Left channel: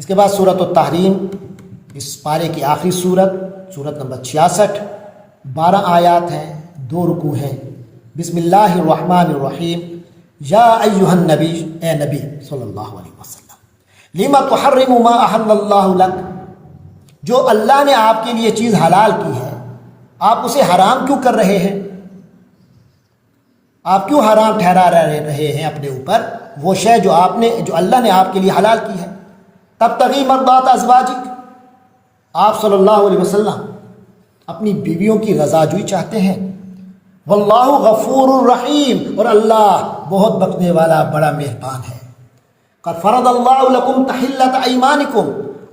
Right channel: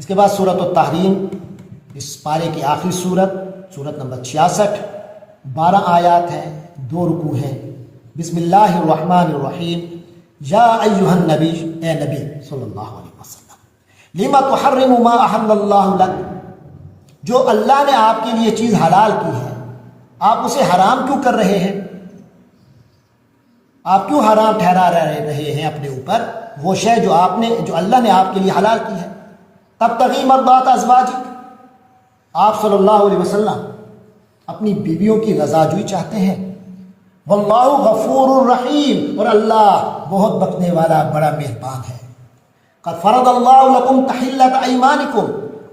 اس کے بعد سورۃ التحریم، اس پارے کی آخری سورت نمبر 66، 12 آیات ہیں، 2 رکوع ہیں۔ بسم اللہ الرحمن الرحیم۔ یا ایھا النبی، اے نبی صلی اللہ علیہ وسلم، لما تحرم ما احل اللہ لک، جو اللہ نے آپ کے لیے چیز حلال کی ہے آپ اسے حرام کیوں کر رہے ہیں؟ آپ کیوں حرام ٹھہرا رہے ہیں اپنے اوپر وہ شے جو اللہ نے آپ کے لیے حلال کی ہے؟ تبتغی مرضات ازواجک، آپ صلی اللہ علیہ وسلم اپنی بیویوں کی رضا جوئی چاہتے ہیں۔ واللہ غفور الرحیم، اور اللہ بہت بخشنے والا بڑا مہربان ہے۔ قد فرض اللہ لکم تحلۃ ایمانکم،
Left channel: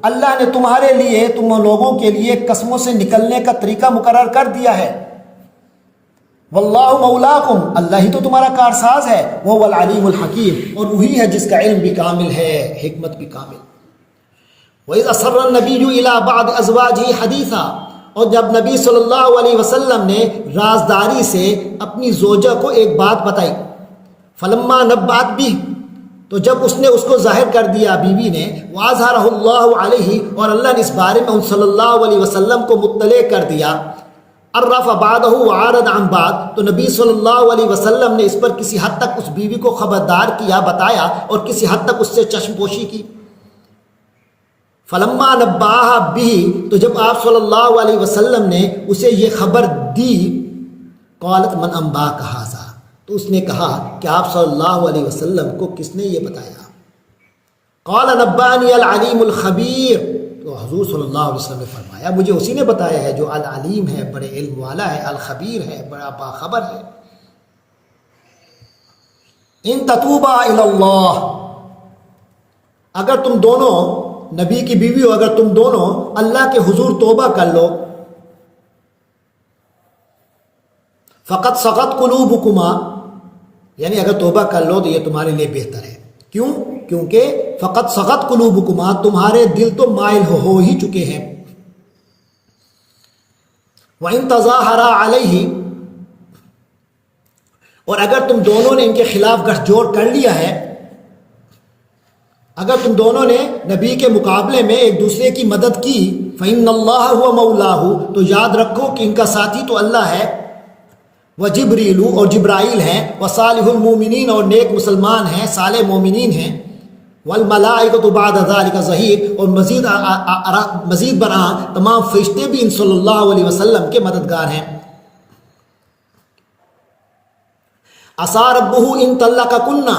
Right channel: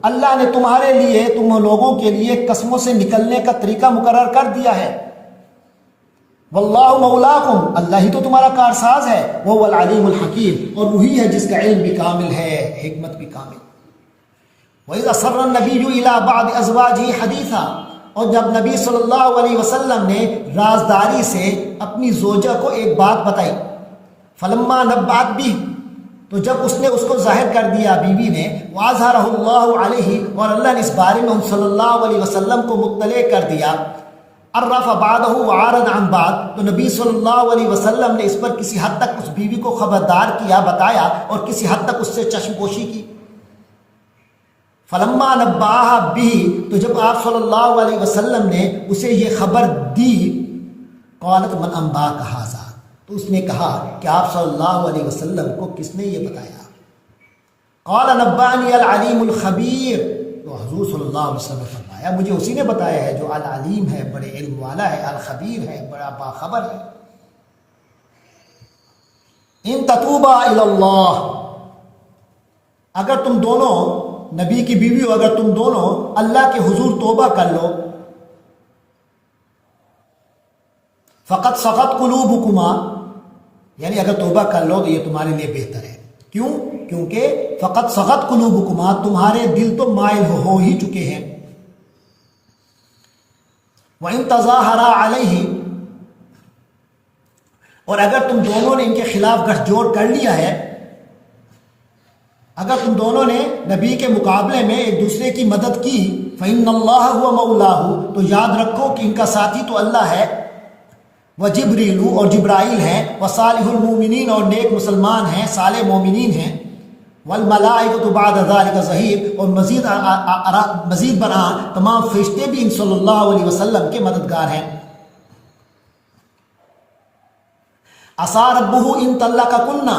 اللہ نے تمہارے لیے، تم لوگوں کے لیے قسموں سے نکلنے کا طریقہ مقرر کر دیا ہے۔ واللہ مولاکم، اللہ ہی تو تمہارا کارساز ہے۔ وہ العلیم الحکیم، اور وہی ہے جس کا علم بھی کامل ہے، حکمت بھی کامل۔ وَإِذْ أَسَرَّ النَّبِيُّ إِلَىٰ بَعْضِ أَزْوَاجِهِ حَدِيثًا، اور جب نبی صلی اللہ علیہ وسلم نے رازداری سے اپنی زوجہ کو ایک بات بتائی، فَلَمَّا نَبَّأَتْ بِهِ، تو جب اس نے اس کو ظاہر کر دیا بیوی نے، وَأَظْهَرَهُ اللَّهُ عَلَيْهِ، اور اللہ نے اس بارے میں ان صلی اللہ علیہ وسلم کو مطلع کر دیا، عرف بعضه وعارض عن بعض، تو نبی صلی اللہ علیہ وسلم نے اس پر کسی حد تک اس بیوی کو خبردار کیا، بتایا، اور کسی حد تک اس سے چشم پوشی کی۔ فلما نبأها به، تو جب آپ صلی اللہ علیہ وسلم نے اسے یہ خبر دی، قالت من انباک ھذا، تو اس نے کہا کہ آپ صلی اللہ علیہ وسلم کو کس نے یہ بتایا؟ قال نبأنی العلیم الخبیر، تو حضور صلی اللہ علیہ وسلم نے فرمایا مجھے اسی نے بتایا ہے جو العلیم ہے، بڑے علم والا ہے، الخبیر ہے، بڑا باخبر ہے۔ ان تتوبا الی اللہ، اگر تم دونوں، نبی کی بیویوں، اگر تم دونوں اللہ کے حضور توبہ کر لو، فقط سقط قلوبکما، یعنی اگر توبہ کر لو تو یہ تمہارے لیے بہتر ہے۔ کیوں؟ کیونکہ فقط سقط قلوبکما، تمہارے دل تو مائل ہو ہی چکے ہیں۔ وَإِن تَظَاهَرَا عَلَيْهِ، اور اگر تم دونوں نے ان کے خلاف گٹھ جوڑ کر لیا ہے، اگر تم دونوں نے نبی کے مقابلے میں ایک دوسرے کی مدد کی، فَإِنَّ اللَّهَ هُوَ مَوْلَاهُ، تو یاد رکھو کہ ان کا ساتھی تو اللہ ہے، وَجِبْرِيلُ، اور جبرائیل ہیں، وَصَالِحُ الْمُؤْمِنِينَ، اور نیک مسلمان ہیں، صالح مومنین ہیں، وَالْمَلَائِكَةُ بَعْدَ ذَلِكَ ظَهِيرٌ، اور مزید برآں تمام فرشتے بھی ان صلی اللہ علیہ وسلم کے مددگار ہیں۔ عَسَىٰ رَبُّهُ إِن طَلَّقَكُنَّ،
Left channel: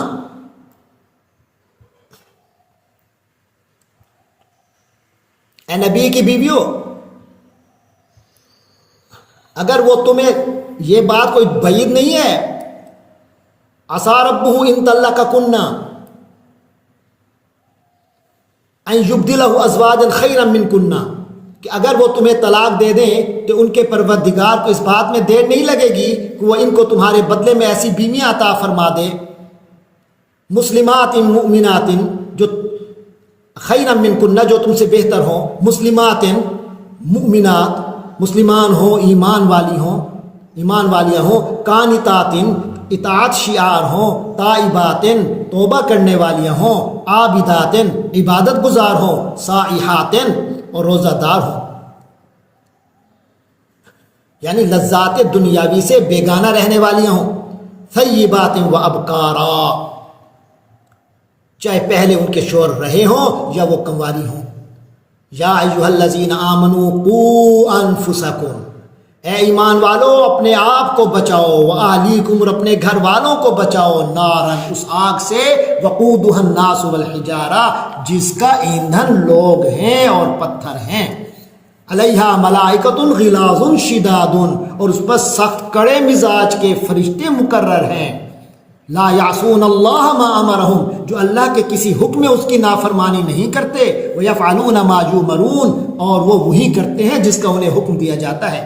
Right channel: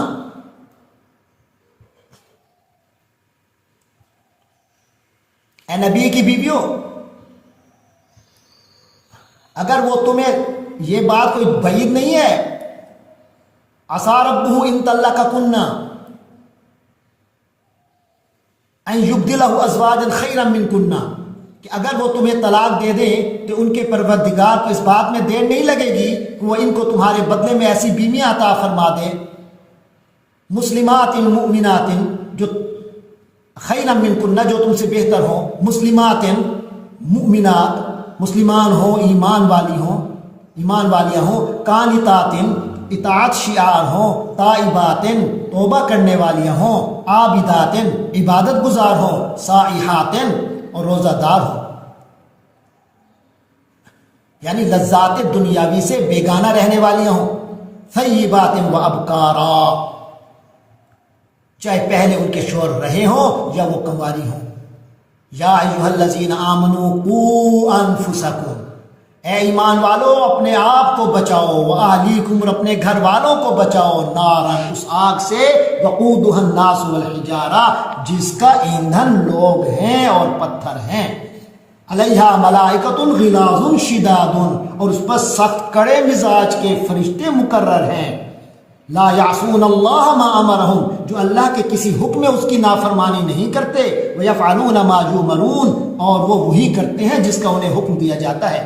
اے نبی کی بیویوں، اگر وہ تمہیں یہ بات کوئی بعید نہیں ہے، عَسَىٰ رَبُّهُ إِن طَلَّقَكُنَّ أَن يُبْدِلَهُ أَزْوَاجًا خَيْرًا مِّنكُنَّ، کہ اگر وہ تمہیں طلاق دے دیں تو ان کے پروردگار کو اس بات میں دیر نہیں لگے گی کہ وہ ان کو تمہارے بدلے میں ایسی بیویاں عطا فرما دے، مسلمات مؤمنات، جو خیرا منکن، جو تم سے بہتر ہوں، مسلمات مؤمنات، مسلمان ہوں، ایمان والیاں ہوں، قانتات، اطاعت شعار ہوں، تائبات، توبہ کرنے والیاں ہوں، عابدات، عبادت گزار ہوں، سائحات، اور روزہ دار ہوں، یعنی لذات دنیاوی سے بیگانہ رہنے والیاں ہوں، طیبات و ابکارا، چاہے پہلے ان کے شوہر رہے ہوں یا وہ کنواری ہوں۔ یا ایھا الذین آمنوا قوا انفسکم، اے ایمان والو اپنے آپ کو بچاؤ، واہلیکم، اور اپنے گھر والوں کو بچاؤ، نارا، اس آگ سے، وقودھا الناس والحجارہ، جس کا ایندھن لوگ ہیں اور پتھر ہیں، علیہا ملائکۃ غلاظ شداد، اور اس پر سخت کڑے مزاج کے فرشتے مقرر ہیں، لا یعصون اللہ ما امرہم، جو اللہ کے کسی حکم میں اس کی نافرمانی نہیں کرتے، ویفعلون ما یؤمرون، اور وہ وہی کرتے ہیں جس کا انہیں حکم دیا جاتا ہے۔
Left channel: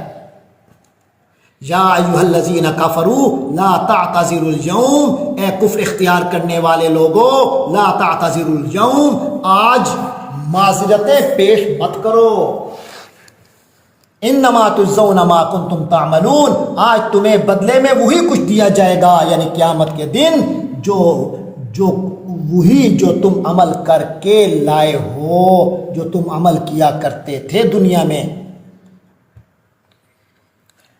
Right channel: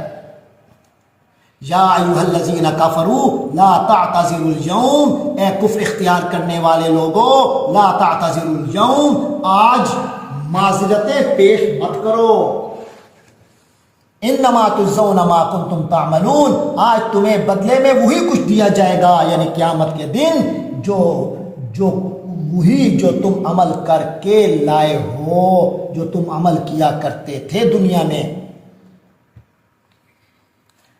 یا ایھا الذین کفروا لا تعتذروا اليوم، اے کفر اختیار کرنے والے لوگوں، لا تعتذروا اليوم، آج معذرتیں پیش مت کرو، انما تجزون ما کنتم تعملون، آج تمہیں بدلے میں وہی کچھ دیا جائے گا، یعنی قیامت کے دن جو وہی جو تم عمل کر کے لائے ہو، جو تم عمل کیا کرتے تھے دنیا میں۔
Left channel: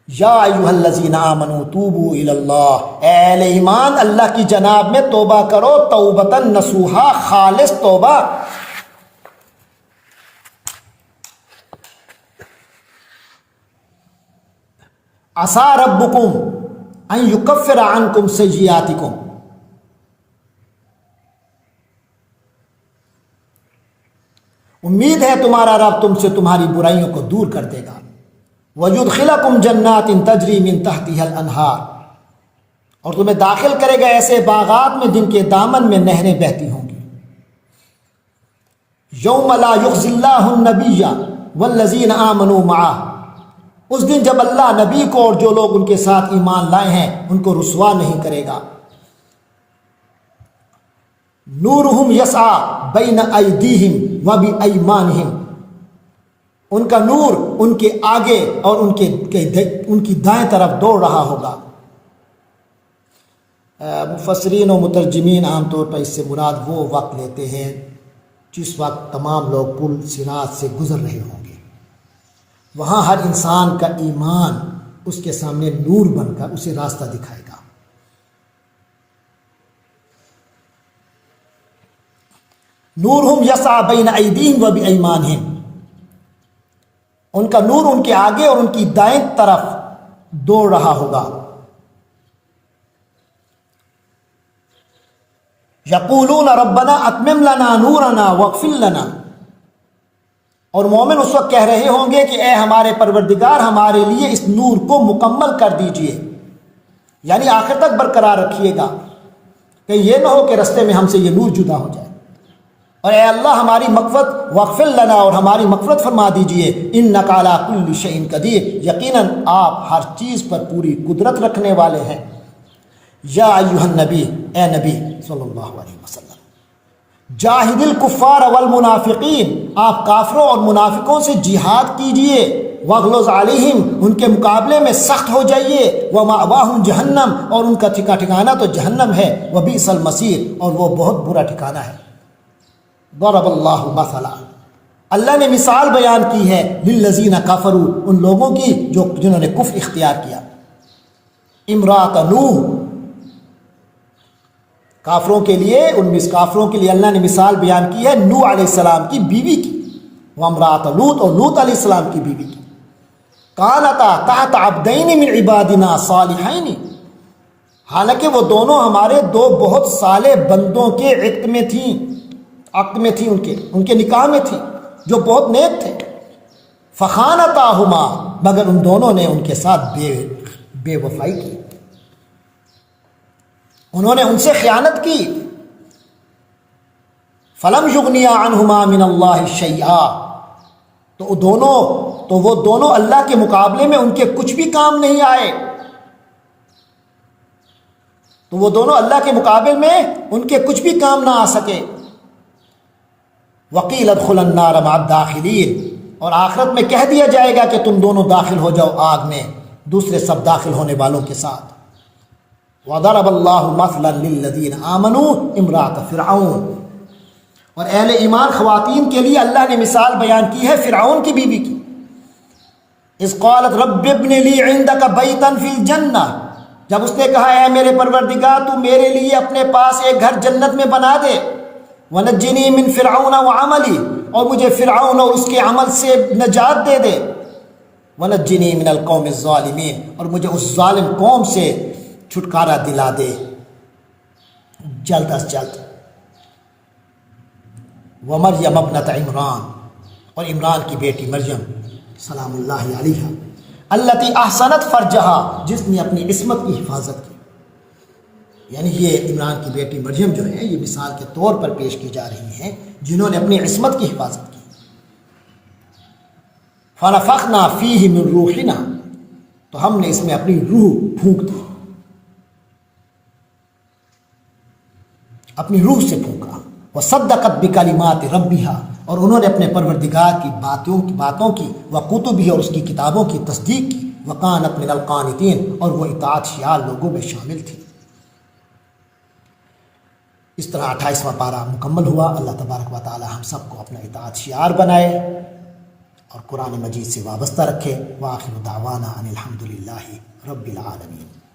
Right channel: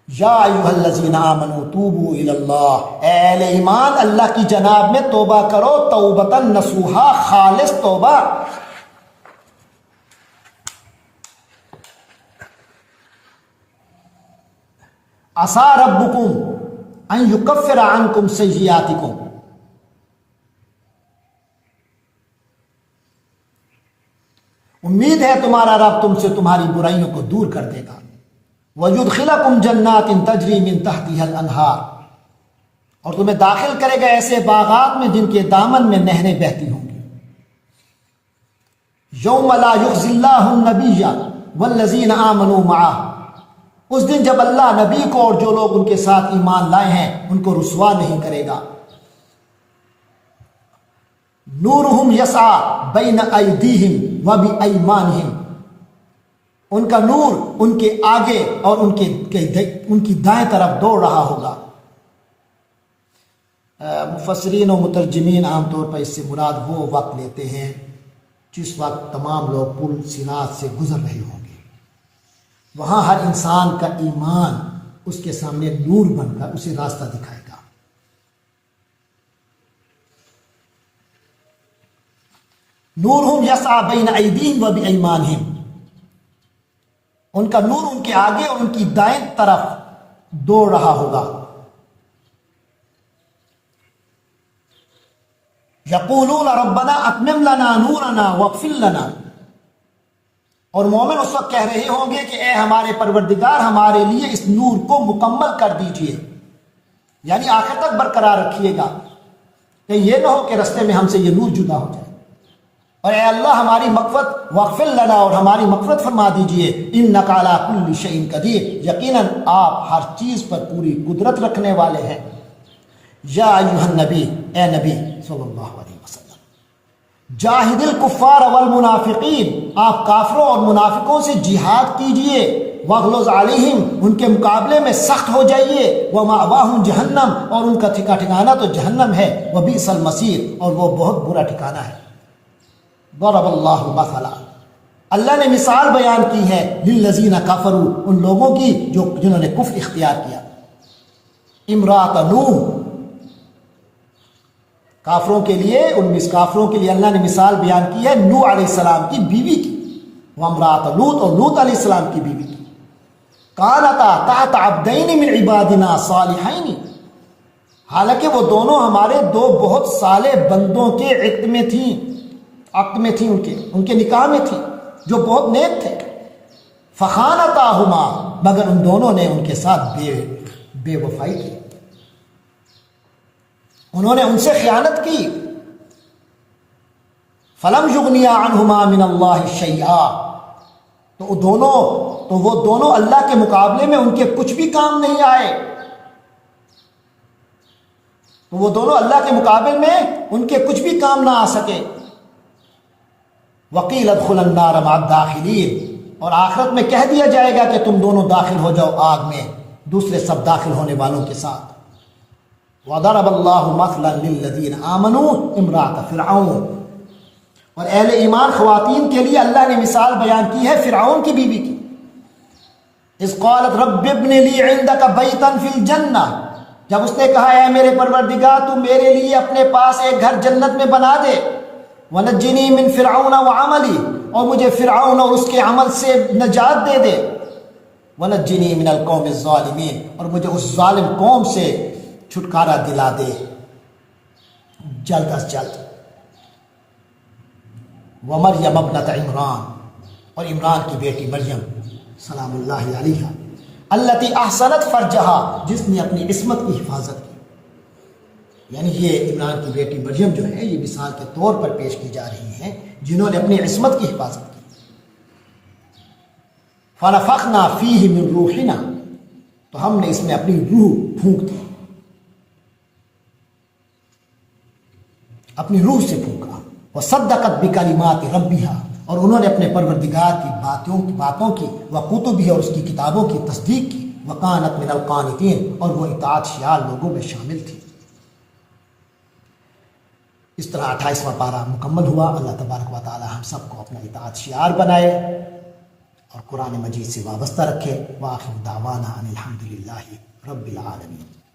یا ایھا الذین آمنوا توبوا الی اللہ، اے اہل ایمان اللہ کی جناب میں توبہ کرو، توبۃ نصوحا، خالص توبہ۔ عسیٰ ربکم ان یکفر عنکم سیئاتکم، امید ہے تمہارا رب تم سے تمہاری برائیوں کو دور کر دے گا۔ وَيُدْخِلَكُمْ جَنَّاتٍ تَجْرِي مِن تَحْتِهَا الْأَنْهَارُ، اور تمہیں داخل کرے گا ایسے باغات میں جن کے دامن میں نہریں بہتی ہوں گی۔ یوم لا یخزی اللہ النبی والذین آمنوا معہ، اس دن جب اللہ نبی کو اور جو لوگ ان کے ساتھ ایمان لائے ہیں ان کو رسوا نہیں کرے گا۔ نورہم یسعی بین ایدیہم وبایمانہم، ان کا نور ان کے آگے اور ان کی دائیں طرف دوڑ رہا ہوگا۔ مفسرین و مترجمین عام طور پر اس سے مراد وہ وقت لیتے ہیں جس وقت تمام لوگ پل صراط سے گزر رہے ہوں گے، وہاں ہر انسان کا ایمان اس کے سامنے نور بن کر اسے راستہ دکھائے گا۔ نورہم یسعی بین ایدیہم وبایمانہم، ان کا نور ان کے آگے اور ان کی دائیں طرف دوڑ رہا ہوگا۔ یقولون ربنا اتمم لنا نورنا واغفر لنا، اور مومن اس وقت کہہ رہے ہوں گے کہ اے ہمارے پروردگار ہمارے لیے اس نور کو مکمل کر دیجئے، یعنی آخر تک برقرار رکھیے گا، کہ یہ نہ ہو کہ رستے میں ہم سے یہ نور جدا ہو جائے۔ اور اے اللہ ہماری مغفرت، واغفر لنا، اور ہماری مغفرت فرما دیجئے، انک علی کل شیء قدیر، یقیناً آپ ہر چیز پر پوری قدرت رکھنے والے ہیں۔ یا ایھا النبی، اے نبی صلی اللہ علیہ وسلم، جاہد الکفار والمنافقین، آپ کافروں اور منافقوں سے جہاد کیجئے، واغلظ علیہم، ان کے مقابلے میں سخت ہو جائیے، ومأواہم جہنم، اور ان کا ٹھکانہ تو جہنم ہے، وبئس المصیر، اور وہ بہت برا ٹھکانہ ہے۔ ضرب اللہ مثلا، اللہ نے مثال بیان کی ہے، للذین کفروا، ان لوگوں کی جنہوں نے کفر اختیار کیا۔ امرأۃ نوح، کافروں کے لیے اللہ نے مثال بیان کی ہے نوح علیہ السلام کی بیوی کی، وامرأۃ لوط، اور لوط علیہ السلام کی بیوی کی۔ کانتا تحت عبدین من عبادنا صالحین، حالانکہ وہ دونوں ہمارے دو بہت صالح بندوں کے عقد میں تھیں، ان کے نکاح میں تھی، جو بہت نیک تھے۔ فخانتاہما، مگر ان دونوں نے ان کے ساتھ بے وفائی کی، انہوں نے ان سے خیانت کی۔ فلم یغنیا عنہما من اللہ شیئا، تو وہ دونوں اللہ کے مقابلے میں ان کے کچھ بھی کام نہیں آئے، تو وہ دونوں اللہ کے مقابل میں ان کے کچھ بھی کام نہ آ سکے۔ وقیل ادخلا النار مع الداخلین، اور آخرت میں کہہ دیا جائے گا کہ تم دونوں داخل ہو جاؤ آگ میں دوسرے سب داخل ہونے والوں کے ساتھ۔ وضرب اللہ مثلا للذین آمنوا امرأۃ فرعون، اور اہل ایمان خواتین کے لیے اللہ نے مثال بیان کی ہے فرعون کی بیوی کی۔ اذ قالت رب ابن لی عندک بیتا فی الجنہ، جب اس نے کہا اے میرے پروردگار تو میرے لیے اپنے پاس ایک گھر جنت میں بنا دے، وَنَجِّنِي مِن فِرْعَوْنَ وَعَمَلِي، اور مجھے فرعون اور اس کے عمل سے نجات دے دے، وَنَجِّنِي مِنَ الْقَوْمِ الظَّالِمِينَ، اور مجھے اس ظالم قوم سے چھٹکارا دلا دے جلد از جلد۔ وَمَرْيَمَ ابْنَتَ عِمْرَان، اور عمران کی بیٹی مریم سلام اللہ علیہا، التی احسنت فرجہا، جس نے اپنی عصمت کی حفاظت کی، یعنی یہ عمران کی بیٹی مریم جو ہے یہ مثال کے طور پر پیش کی جا رہی ہیں جنہوں نے اپنی عصمت کی حفاظت کی۔ فنفخنا فیہ من روحنا، تو ہم نے اس میں اپنی روح پھونک دی، اپنی روح سے پھونکا۔ وصدقت بکلمات ربہا، اور انہوں نے اپنے پروردگار کی باتوں کی، وکتبہ، اور اس کی کتابوں کی تصدیق کی، وکانت من القانتین، اور وہ اطاعت شیار لوگوں میں شامل تھی۔ اس طرح 28واں پارہ مکمل ہوا۔ اللہ تبارک و تعالی ہم سب کو اپنا اطاعت شعار بنائے اور قرآن مجید سے وابستہ رکھے۔ وآخر دعوانا ان الحمد للہ رب العالمین۔